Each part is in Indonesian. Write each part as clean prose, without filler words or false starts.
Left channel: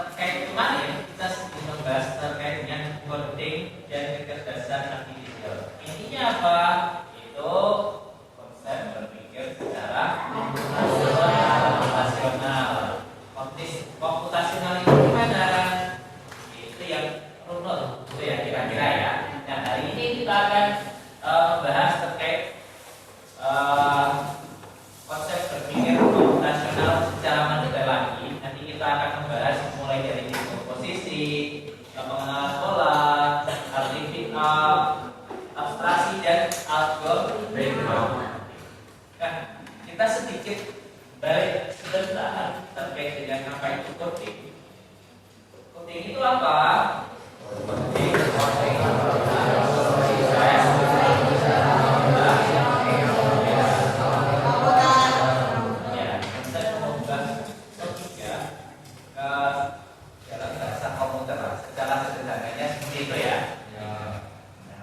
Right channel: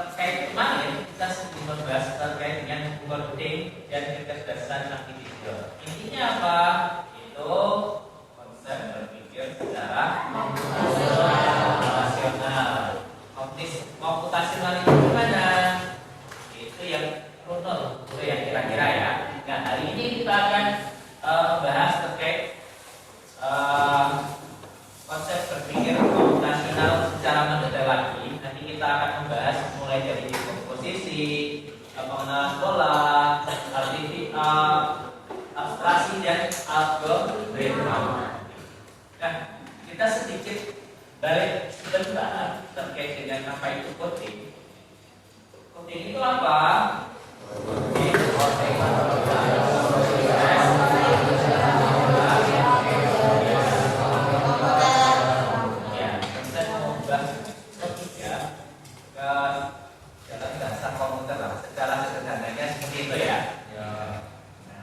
Terkait kemarin kita sedang membahas terkait dengan coding dan kecerdasan artifisial. Intinya apa? Itu konsep berpikir secara komputasional. Komputasional itu gimana? Itu yang runut, itu yang kira-kira ya. Nah, hari ini kita akan membahas terkait konsep berpikir komputasional secara mendalam lagi. Nanti kita akan membahas mulai dari komposisi, pengenalan pola, artificial, abstraksi dan algoritma. Nah, kita sedikit balik sebentar terkait dengan apa itu coding. Coding itu apa? Secara sederhananya seperti itu ya. Nah,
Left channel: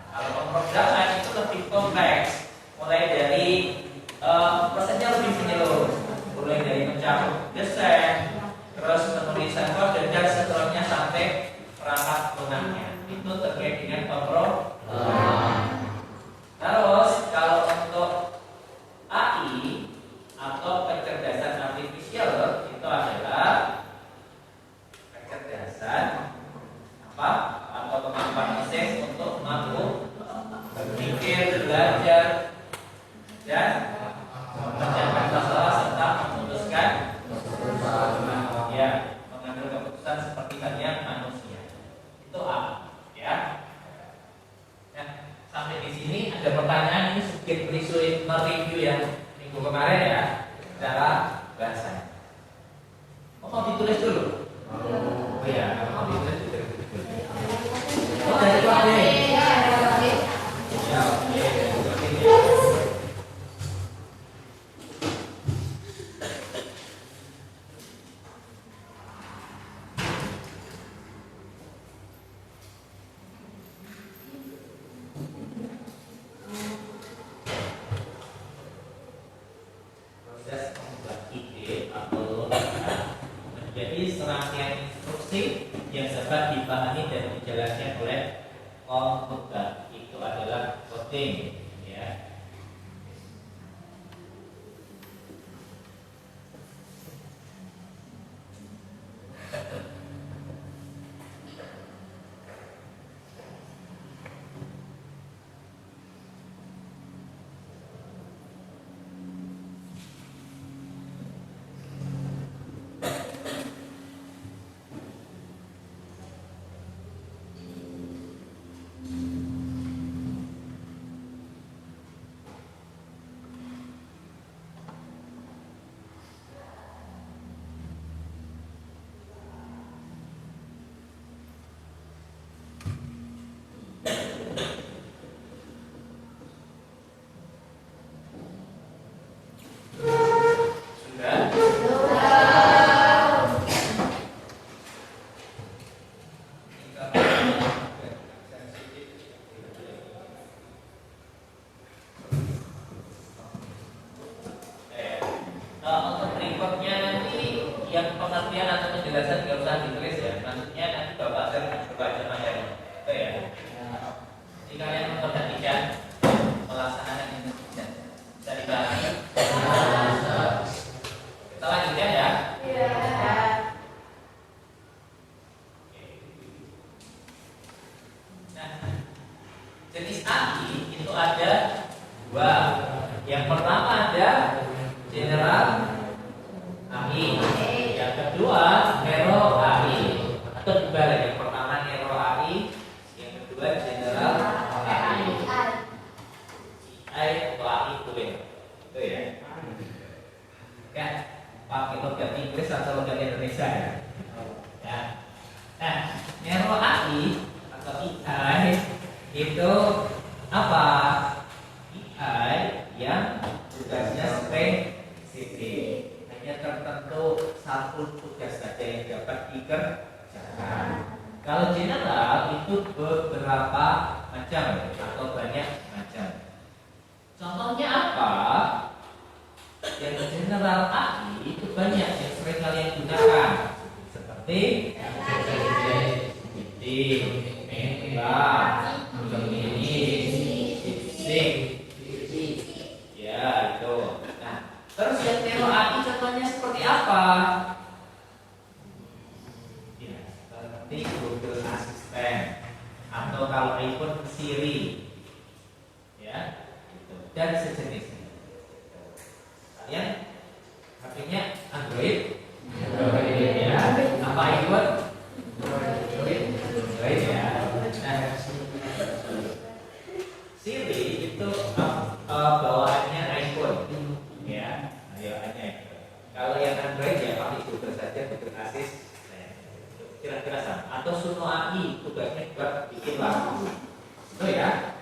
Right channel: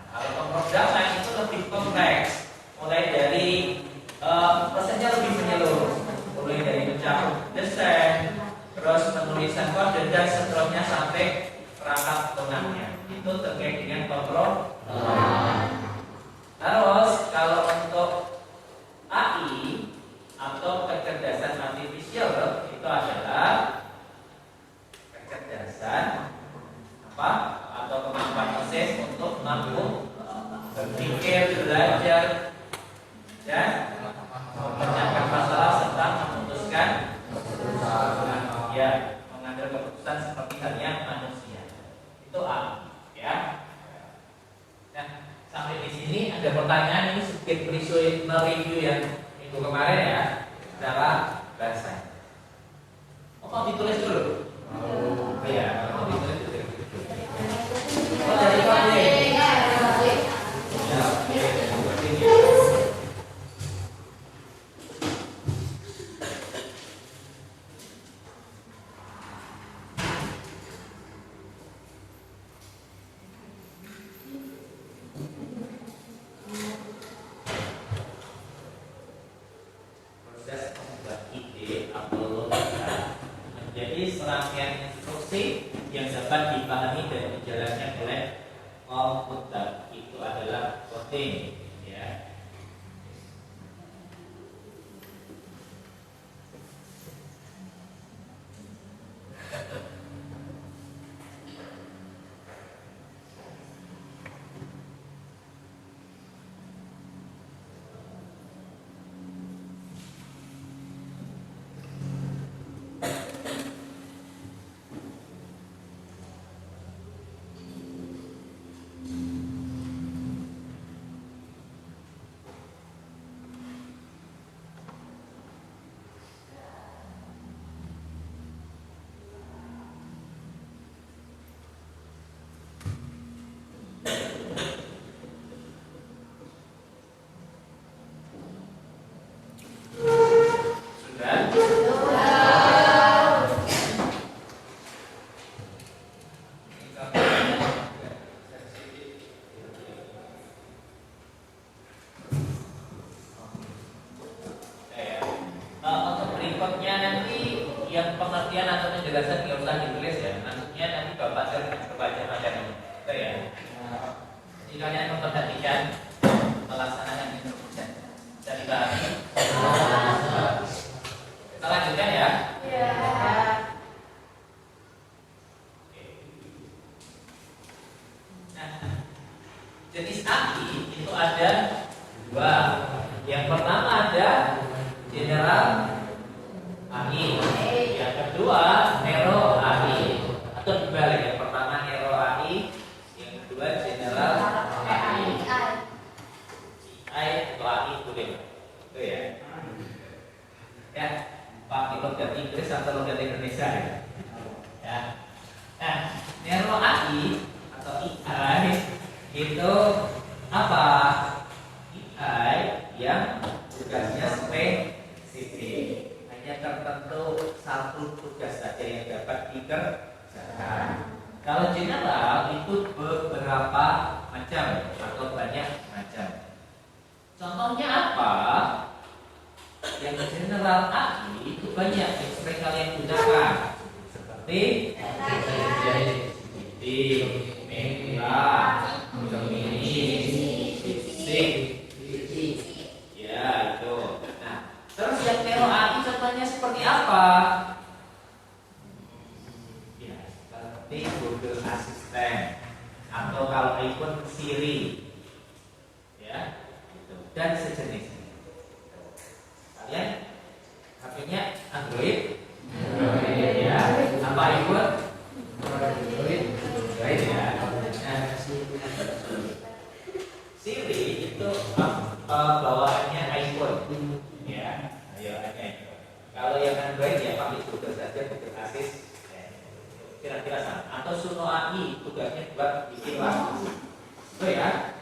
kalau pemrograman itu lebih kompleks, mulai dari prosesnya lebih menyeluruh, mulai dari mencakup desain, terus penulisan kode dan seterusnya sampai perangkat lunaknya. Itu terkait dengan kontrol. Terus kalau untuk AI atau kecerdasan artifisial itu adalah kecerdasan atau kemampuan mesin untuk mampu berpikir, belajar, dan memecahkan masalah serta memutuskan, ya, mengambil keputusan seperti halnya manusia. Itu A, ya. Nah, sampai di sini ada pertanyaan ini sedikit mereview yang minggu kemarin ya, secara bahasa. Mau ditulis dulu? Iya, mau ditulis dulu. Oh, dari Pak D. Ya, proses membuat ide atau logika menjadi serangkaian instruksi yang dapat dipahami dan dijalankan oleh komputer. Itu adalah coding, ya. Pengertian atau penjelasan tidak usah ditulis ya. Maksudnya nanti Bapak baca materi. Itu ya. Jadi kalian memperhatikan pelaksanaan ini bisa dibahas. Yang pertama ada general AI, yang kedua narrow AI, atau dibalik, yang pertama narrow AI, yang kedua general AI. AI atau AI boleh, itu ya. Ya, pakai logat Inggris atau logat Indonesia ya. Ya. Nah, narrow AI atau AI itu apa? AI yang tugasnya spesifik, hanya tertentu satu tugas saja yang dapat dikerjakan. Kalau general itu beberapa macam atau banyak macam. Contohnya apa? Yang general AI itu banyak yang sering kalian gunakan, seperti Meta, Gemini, DeepSeek, ya itu. Nah, terus yang narrow AI contohnya seperti apa? Ya, seperti Google Assistant atau kalau iPhone Siri, ya, gitu. Dan sejenisnya. Kalian HP-nya Android, ya, apa iPhone? Android ya. Nah, Siri itu bawaannya iPhone, ya. Ayo iPhone. Kalau yang Android ya pakai Google saja, Google Assistant. Kira-kira sama. Atau Suno AI tugasnya buat bikin lagu, itu ya.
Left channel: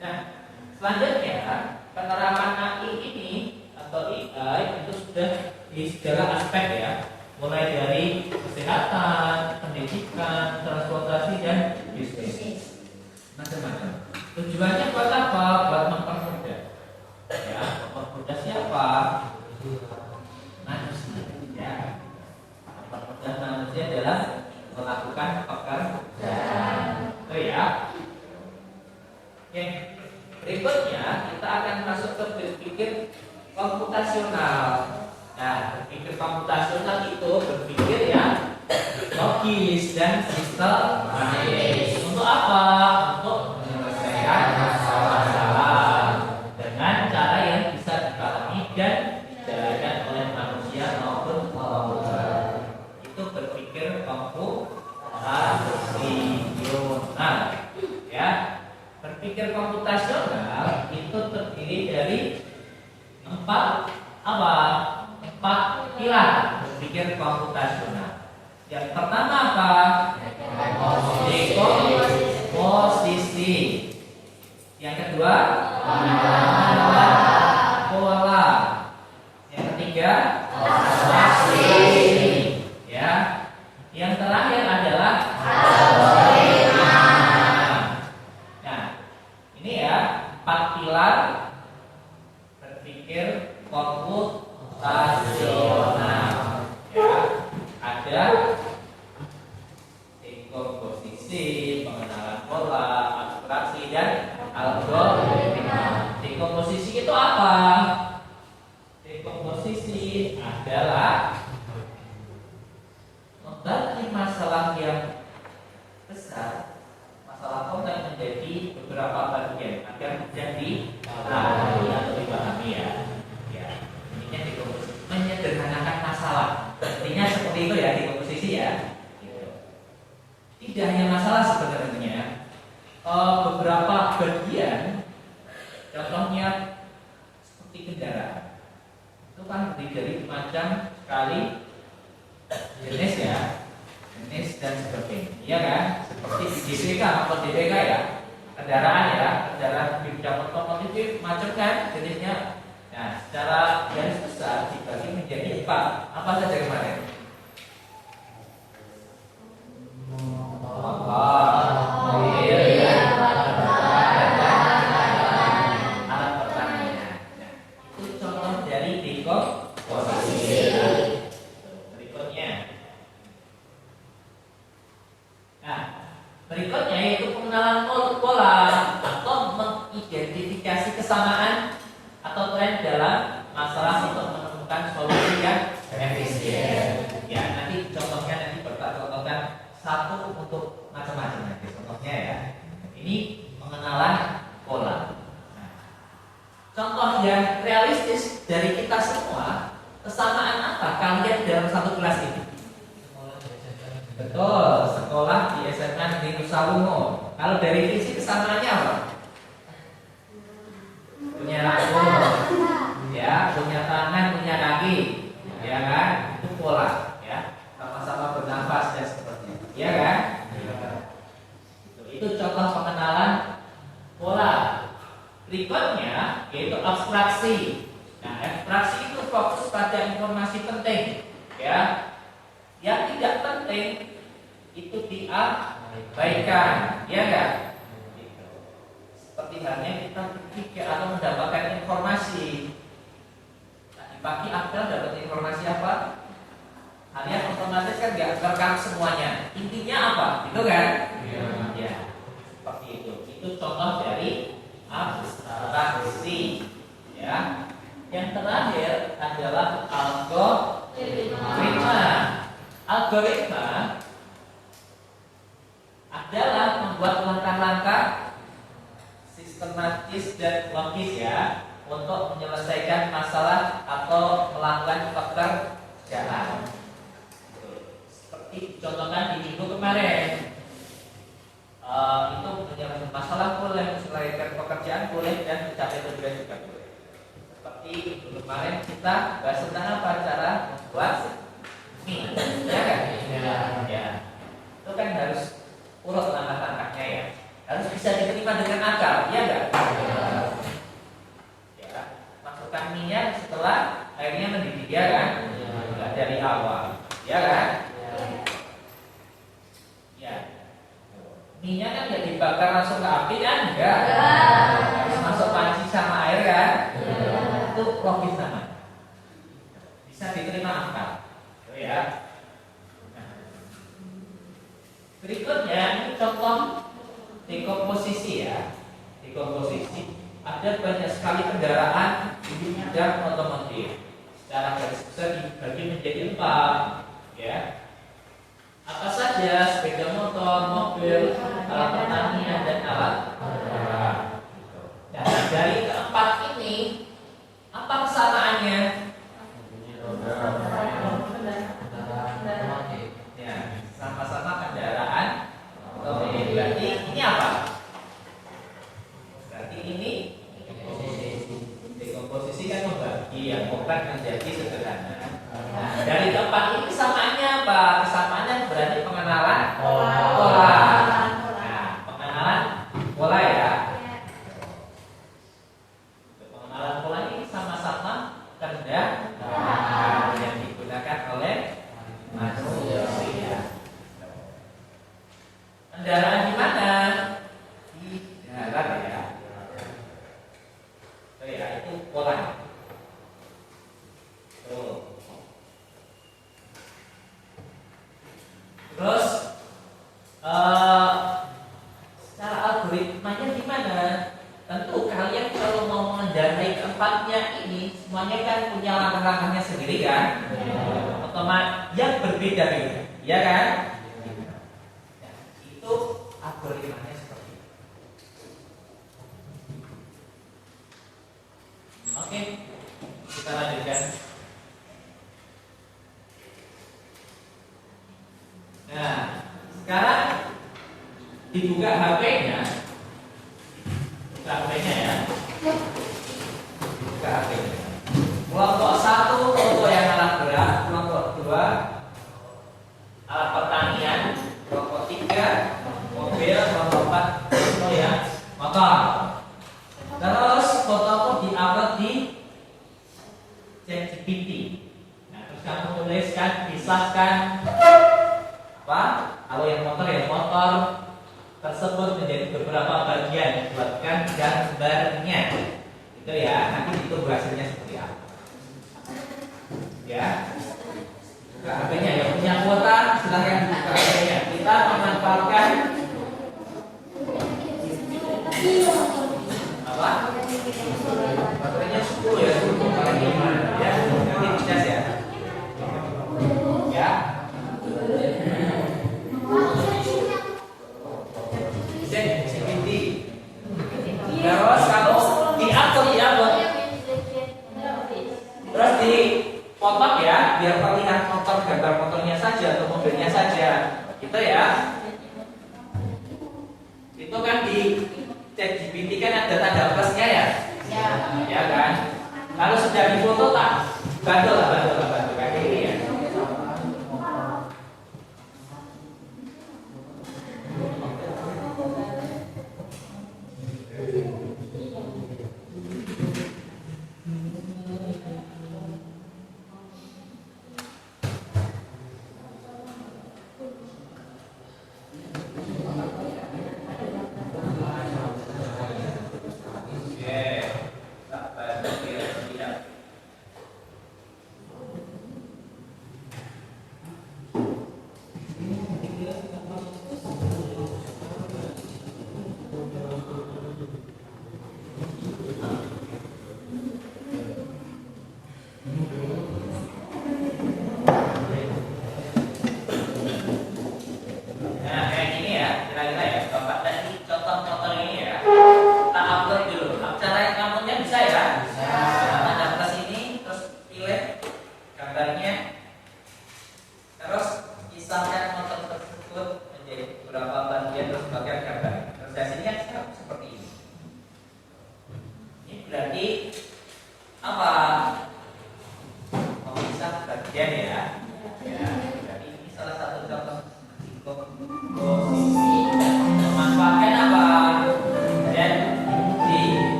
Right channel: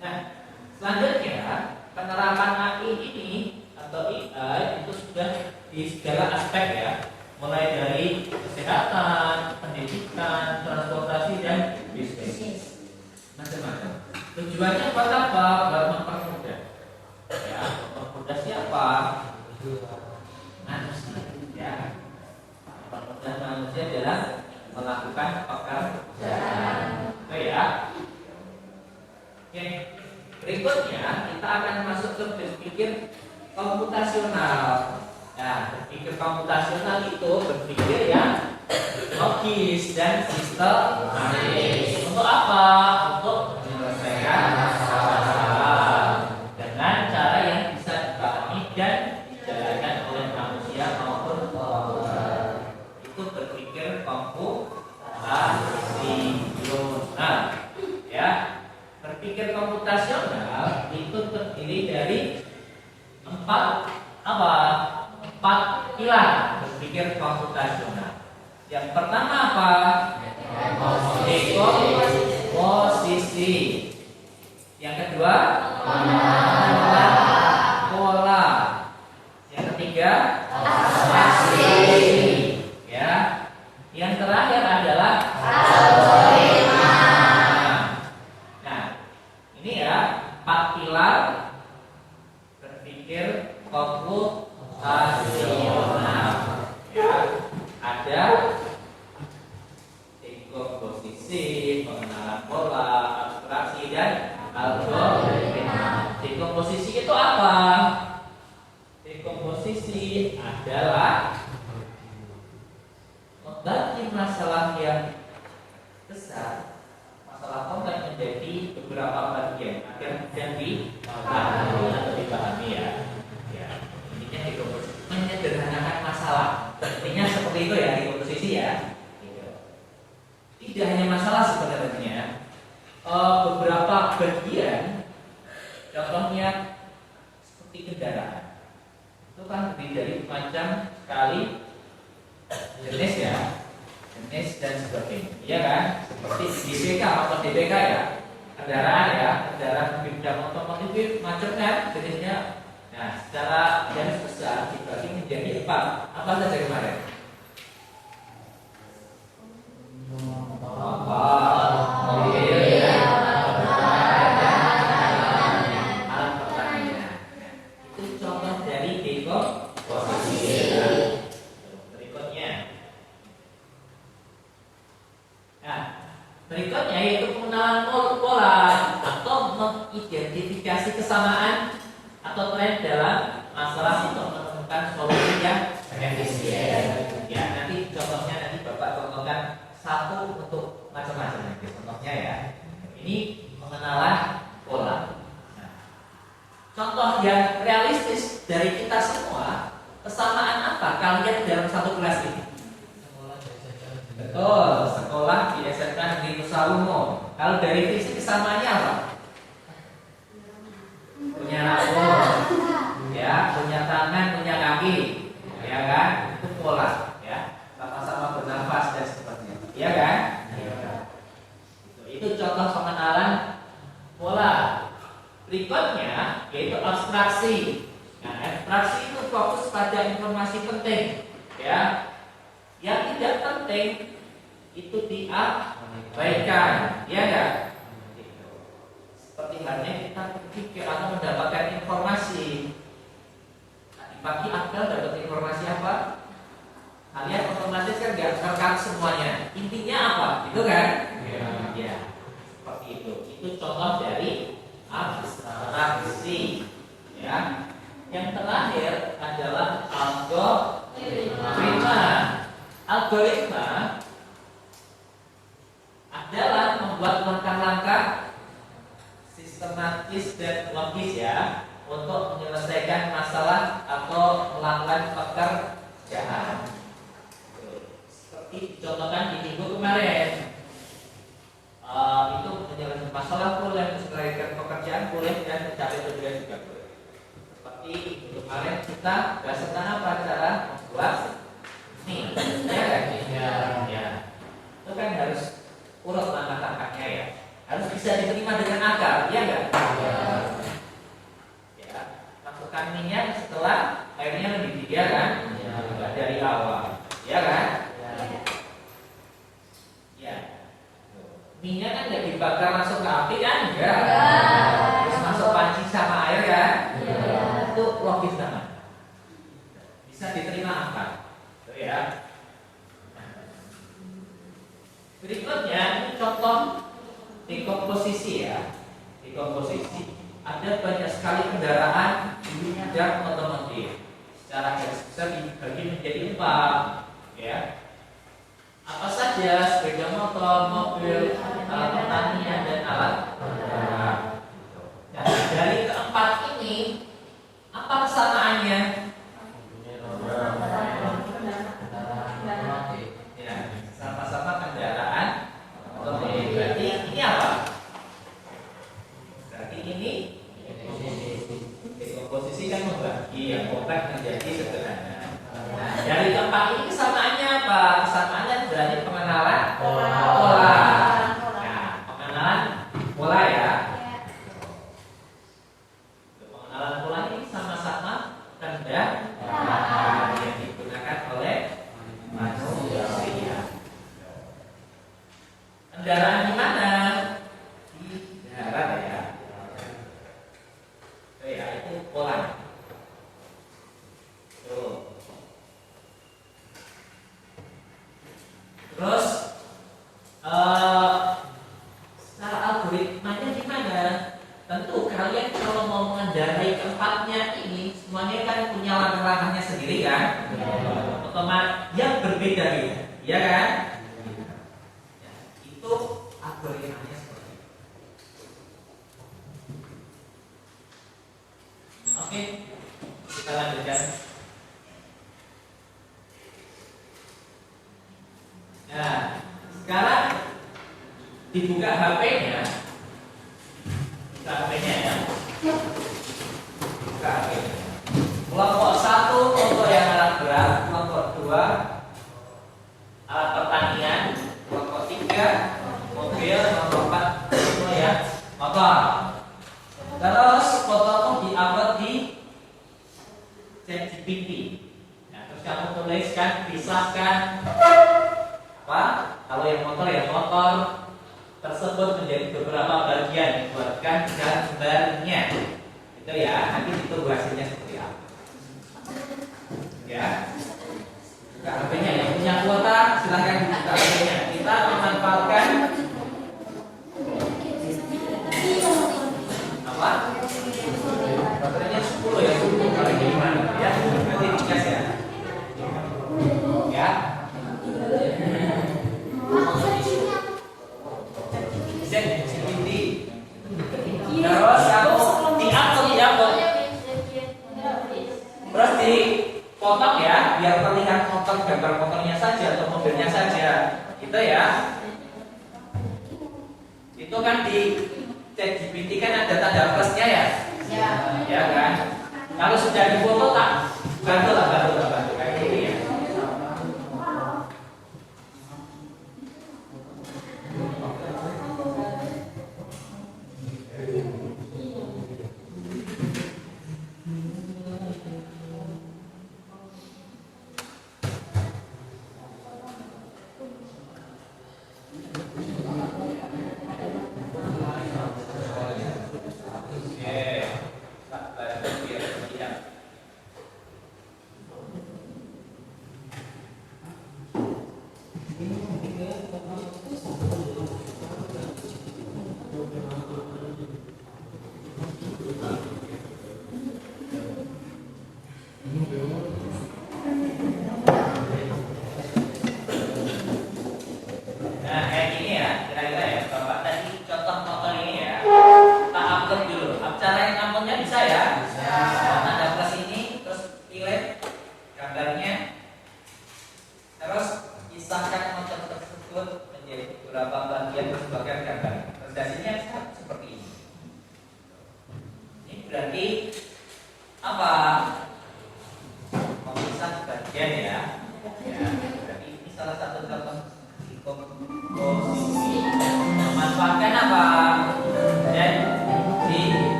Nah, selanjutnya penerapan AI ini atau AI itu sudah di segala aspek ya, mulai dari kesehatan, pendidikan, transportasi dan bisnis, macam-macam. Tujuannya buat apa? Buat mempermudah. Ya, mempermudah siapa? Manusia. Ya, mempermudah manusia adalah melakukan pekerjaan. Itu ya. Oke. Berikutnya kita akan masuk ke berpikir komputasional. Nah, berpikir komputasional itu berpikir yang logis dan sistematis. Untuk apa? Untuk menyelesaikan masalah dengan cara yang bisa dipahami dan dijalankan oleh manusia maupun komputer. Itu berpikir komputasional. Ya. Berpikir komputasional itu terdiri dari empat pilar berpikir komputasional. Yang pertama apa? Dekomposisi. Yang kedua, pola. Yang ketiga, abstraksi. Ya. Yang terakhir adalah algoritma. Nah, ini ya 4 pilar berpikir komputasional. Ya, ada dekomposisi, pengenalan pola, abstraksi dan algoritma. Dekomposisi itu apa? Dekomposisi adalah membagi masalah yang besar, masalah kompleks menjadi beberapa bagian agar mudah dipahami atau dipahami ya. Ya, ini dekomposisi menyederhanakan masalah. Artinya seperti itu ya dekomposisi ya. Tidak hanya masalah sebenarnya, beberapa bagian, contohnya seperti kendaraan, itu kan terdiri dari macam sekali jenis ya, jenis dan sebagainya, ya kan? Seperti DBK atau DBK ya, kendaraan ya, kendaraan bidang otomotif macam kan jenisnya. Nah, secara garis besar dibagi menjadi 4. Apa saja kemarin? Alat pertanian. Itu contoh dari dekomposisi. Berikutnya. Nah, berikutnya yaitu pengenalan pola atau mengidentifikasi kesamaan atau tren dalam masalah untuk menemukan solusi yang efisien. Ya, nanti contohnya nanti Bapak contohkan satu untuk macam-macam nanti contohnya ya. Ini pengenalan pola. Nah, contoh yang realistis dari kita semua, kesamaan apa kalian dalam satu kelas ini? Betul, sekolah di SMK Negeri Nusa Lungo. Kalau dari visi kesamaannya apa? Punya rambut, ya, punya tangan, punya kaki, ya kan? Itu pola, ya. Sama-sama bernafas dan seterusnya, ya kan? Itu contoh pengenalan pola. Berikutnya yaitu abstraksi. Nah, abstraksi itu fokus pada informasi penting, ya. Yang tidak penting itu diabaikan, ya kan? Seperti halnya kita berpikir atau mendapatkan informasi. Tadi pagi Abel dapat informasi apa? Kalian otomatis kan nggak terekam semuanya. Intinya apa? Itu kan? Ya. Seperti itu. Itu contoh dari abstraksi. Ya. Yang terakhir adalah algoritma. Algoritma adalah membuat langkah-langkah sistematis dan logis ya untuk menyelesaikan masalah atau melakukan pekerjaan. Seperti dicontohkan di minggu kemarin, itu menyelesaikan masalah boleh, menyelesaikan pekerjaan boleh, dan mencapai tujuan juga boleh. Seperti minggu kemarin kita bahas tentang apa, cara membuat mie, ya kan? Ya. Itu kan harus urut langkah-langkahnya ya. Harus bisa diterima dengan akal, ya enggak? Ya. Masukkan minyak setelah airnya mendidih, ya kan? Enggak dari awal, ya kan? Ya. Minyak kan enggak dibakar langsung ke api kan? Enggak. Terus masuk panci sama air kan? Itu logis namanya. Bisa diterima akal. Ya. Berikutnya ini contoh dekomposisi ya. Dekomposisi. Ada banyak sekali kendaraan dan otomotif. Secara garis besar dibagi menjadi 4, ya. Apa saja? Sepeda motor, mobil, alat pertanian dan alat kendaraan. Ya, dari keempat ini apa kesamaannya? Sama-sama kendaraan otomotif. Berarti ini apa? Berarti ini dekomposisi kan membagi yang bukan menjadi sederhana. Nah, dari keempat ini kesamaannya apa? Kesamaannya berarti pengenalan pola. Nah, pengenalan pola ya. Pengenalan pola ini sama-sama kendaraan yang digunakan oleh manusia. Kendaraan di mana? Di darat ya. Oh ya, itu pola. Tuh. Terus secara algoritmanya gimana? Tentu kalian kalau mau mengendarai keempatnya ini semuanya kan punya langkah-langkahnya sendiri kan? Otomatis yang berbeda-beda, ya kan? Itu algoritmanya seperti itu. Oke, kita lanjutkan. Nah, sekarang dibuka HP-nya. Buka HP-nya ya. Buka HP-nya. Kelompok 1 untuk yang alat berat, kelompok 2 alat pertanian, kelompok 3 mobil, kelompok 4 itu ya motor. Terus fotomu diupload di ChatGPT. Nah, terus kamu tuliskan, pisahkan apa? Kalau yang motor ya motor tersebut menjadi beberapa bagian, buatkan gambarnya. Itu ya, nanti ditunggu hasilnya seperti apa. Ya. Buka HP-nya yang punya kuota silakan buka HP-nya. Kita memanfaatkan apa? Baterainya 10 ya, 10 kali gimana ya? Nanti dicas ya. Ya. Terus kamu di-upload kotak ya, biar terlihat motor, gambar motornya saja atau mobilnya saja, gitu ya. Itu kan di ChatGPT kan ada tanda plusnya ya, ya kan. Kalau sudah difoto tak bantu kayak gini ya.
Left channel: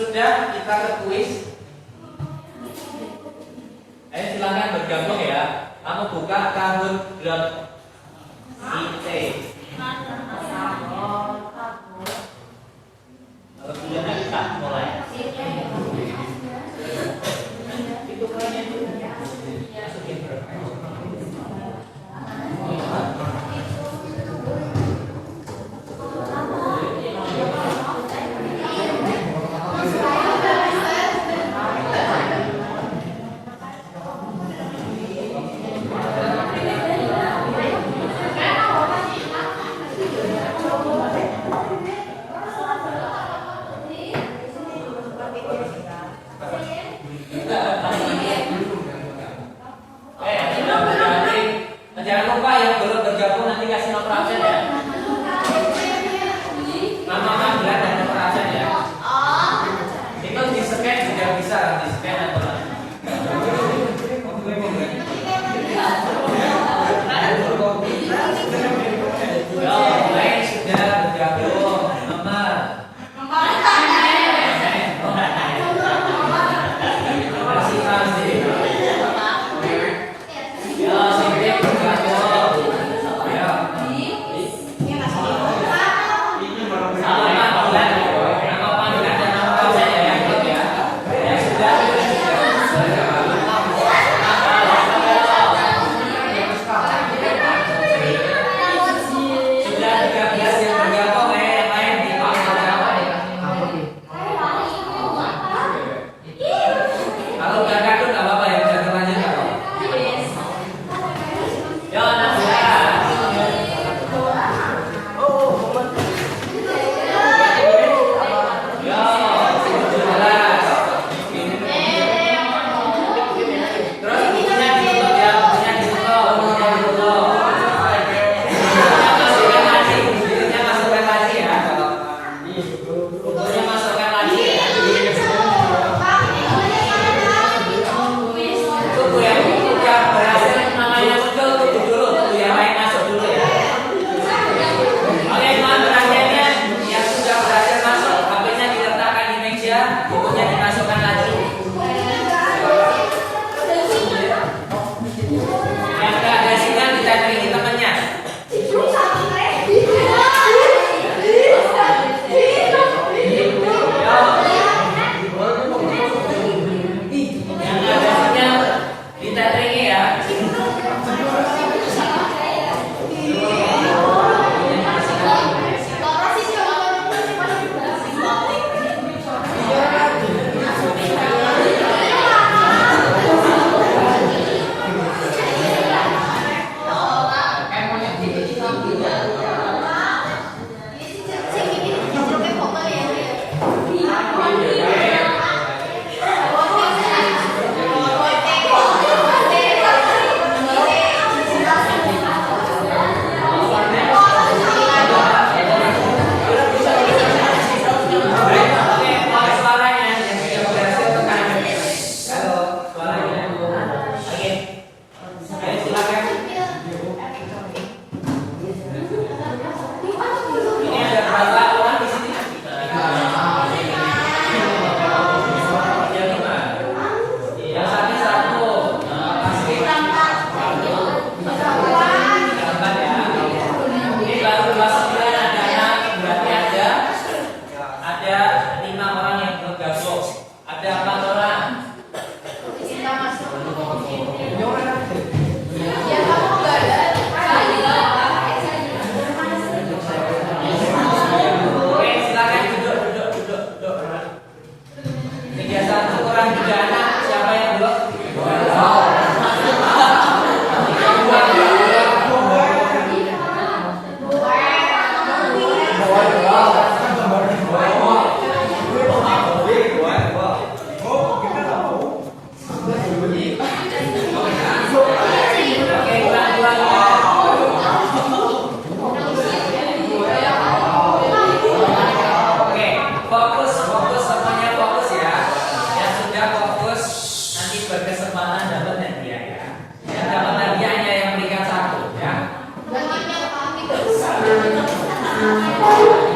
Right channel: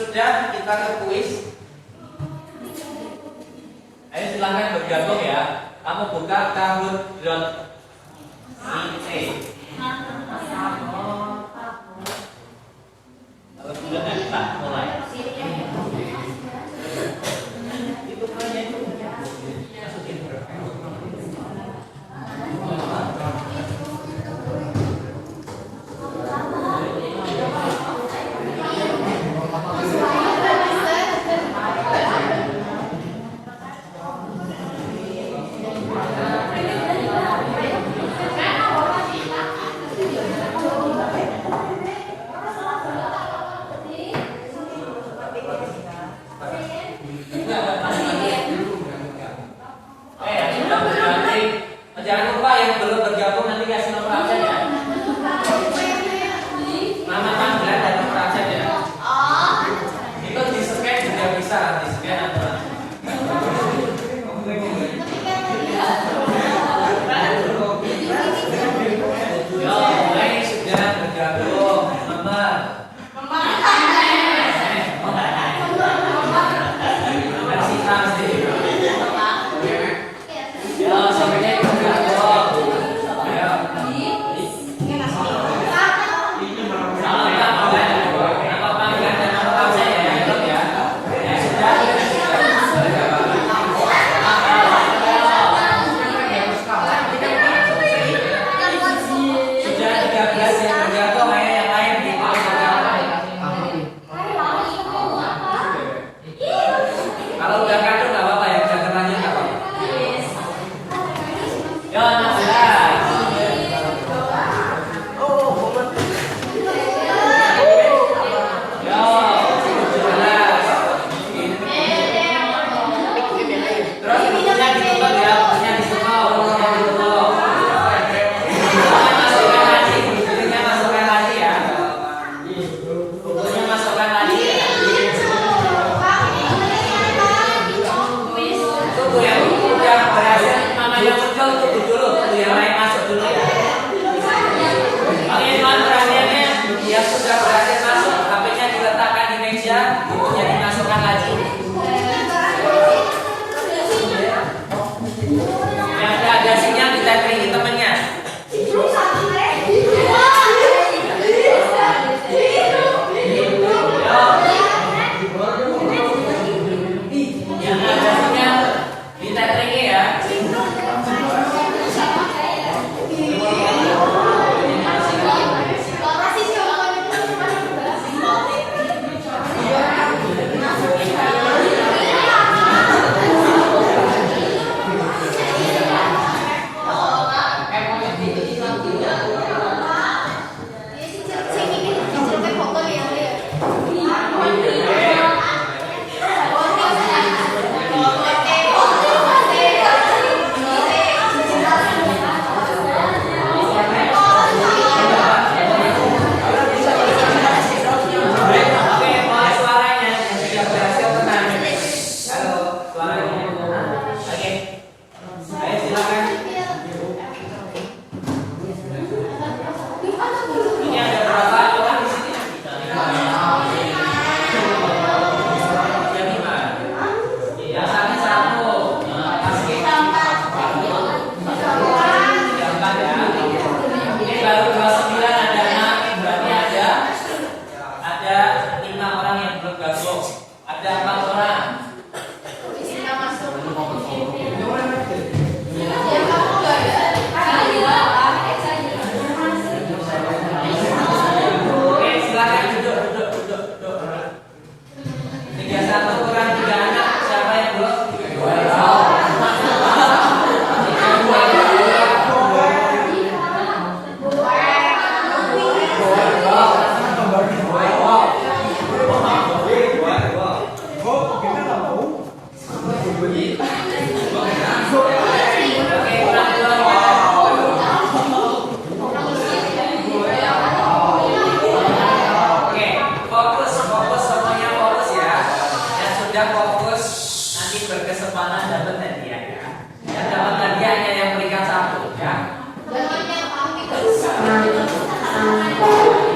Sudah, kita ke kuis. Ayo silahkan bergabung ya. Kamu buka kahoot.it. Kalau sudah kita mulai. Itu mulanya itu masukin berapa? Jangan lupa yang belum bergabung nanti kasih nomor absen ya. Nama panggilan dan nomor absen ya. Itu di scan juga bisa di scan atau baik sudah bergabung Mama.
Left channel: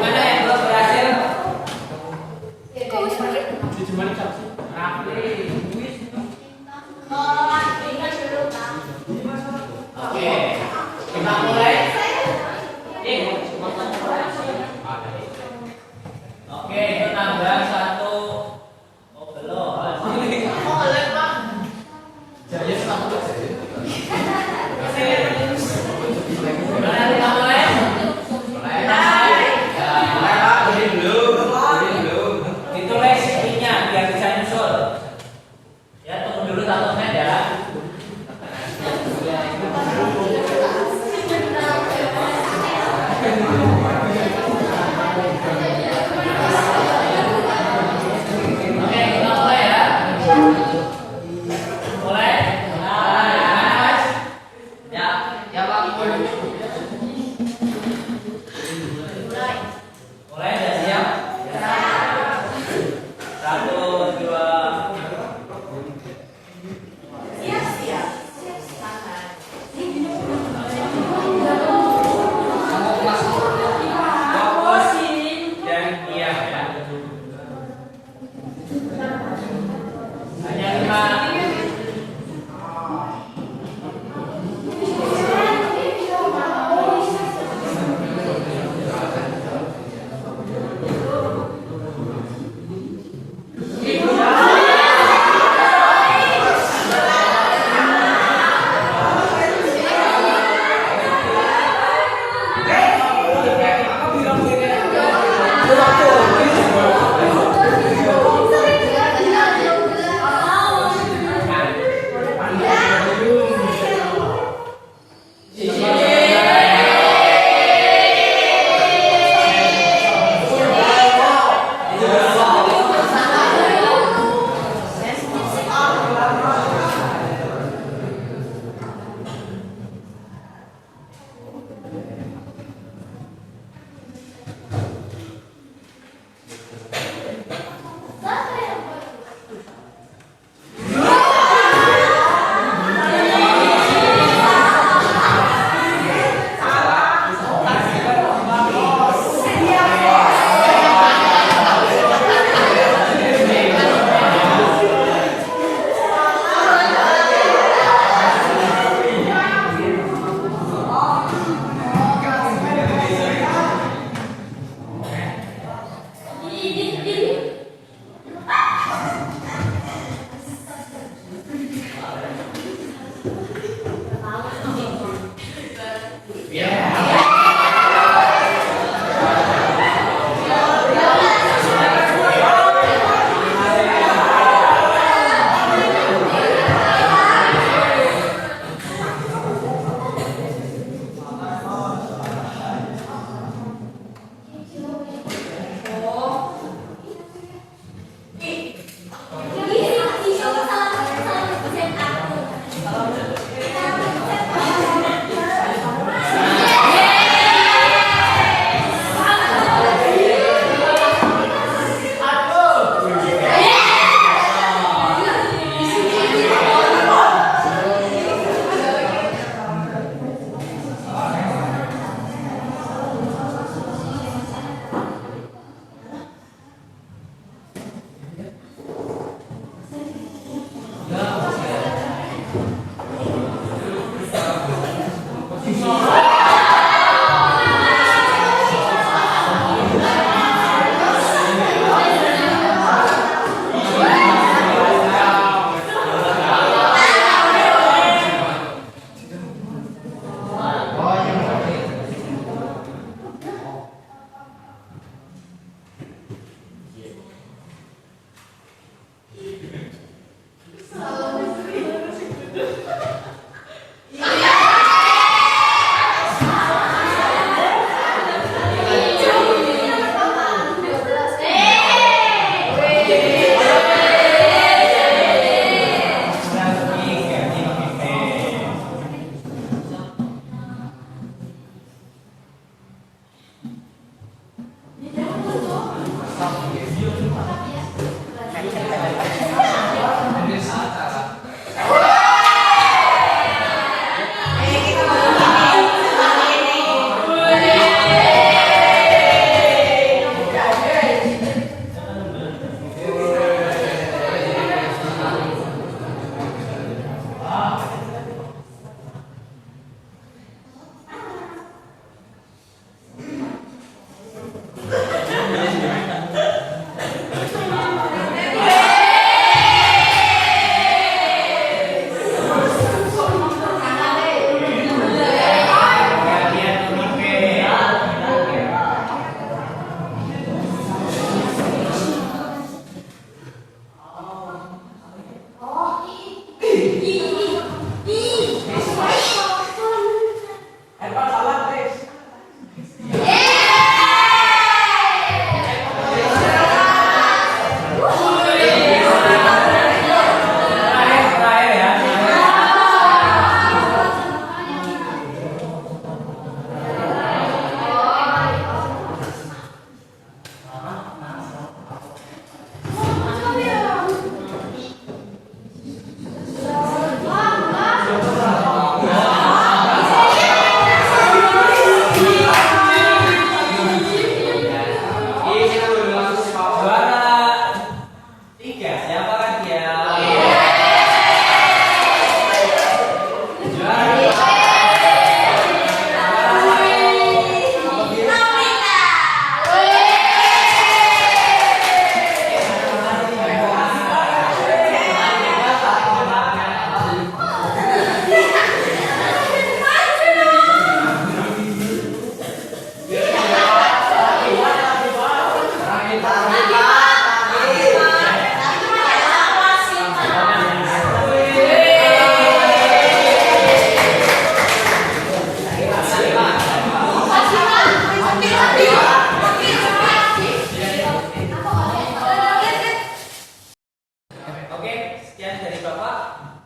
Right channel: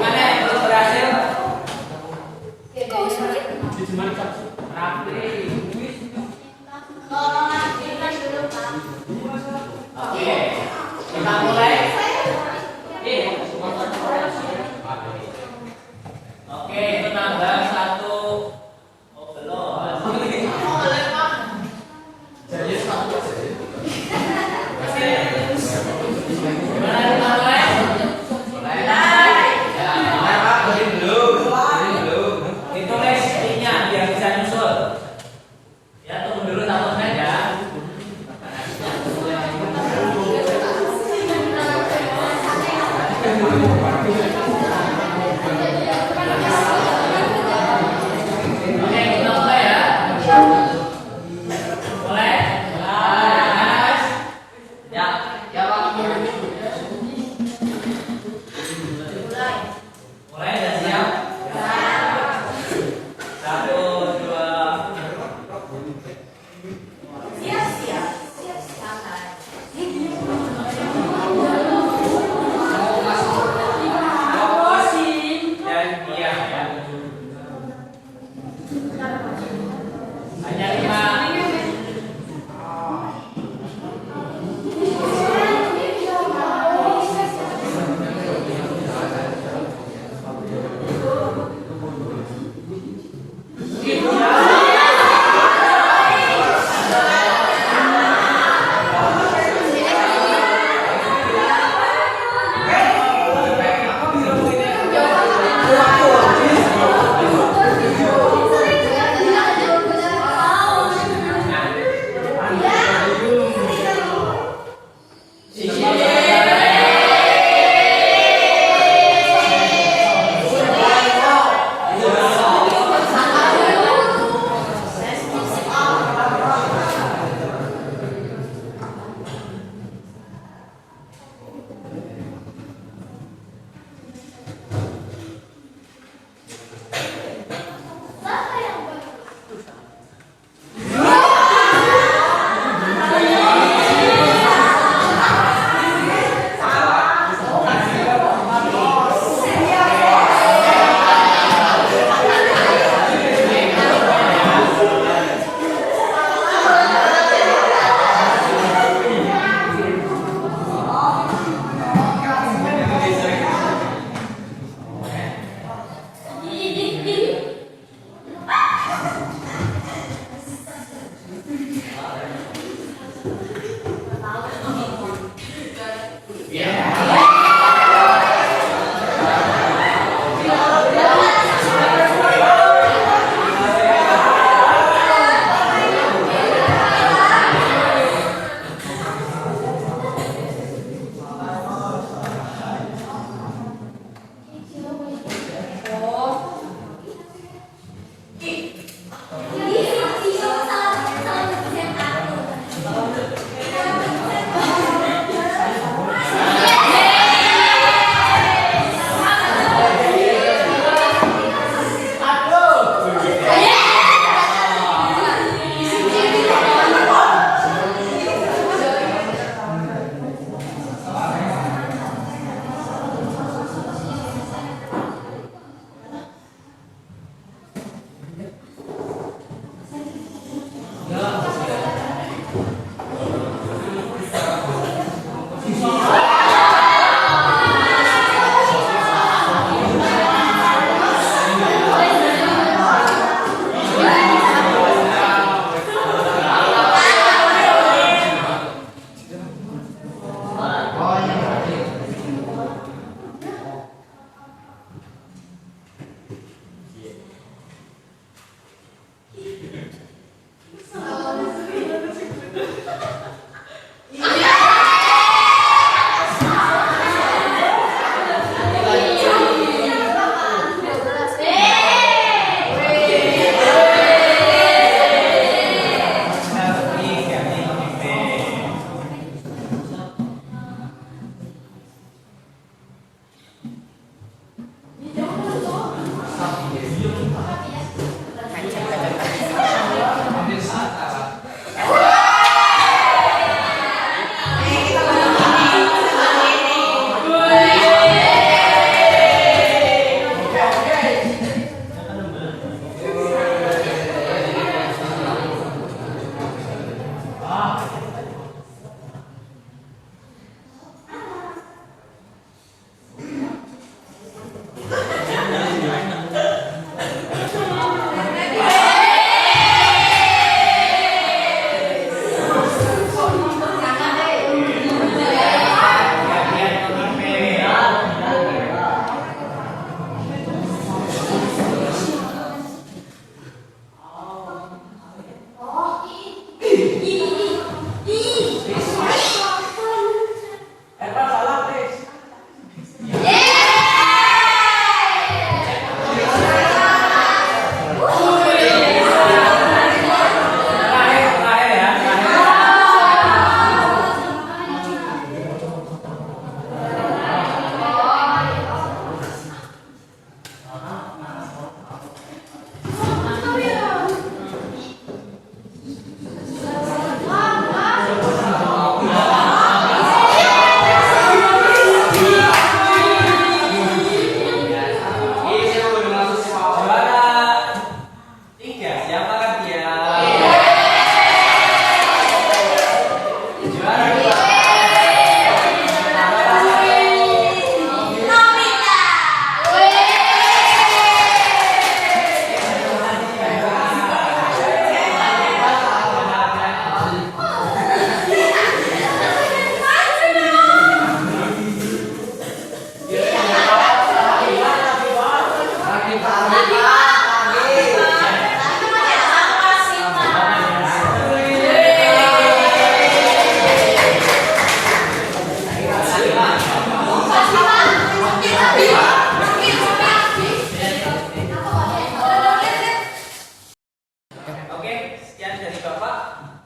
Mana yang belum berhasil? Oke, kita mulai. Oke, itu tanggal 1. Oh, belum. Gimana kita mulai? Ditulis intinya biar bisa nyusul. Ya, tunggu dulu takutnya ya.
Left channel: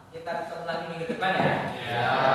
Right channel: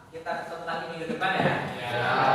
Kita ketemu lagi minggu depan ya. Ya.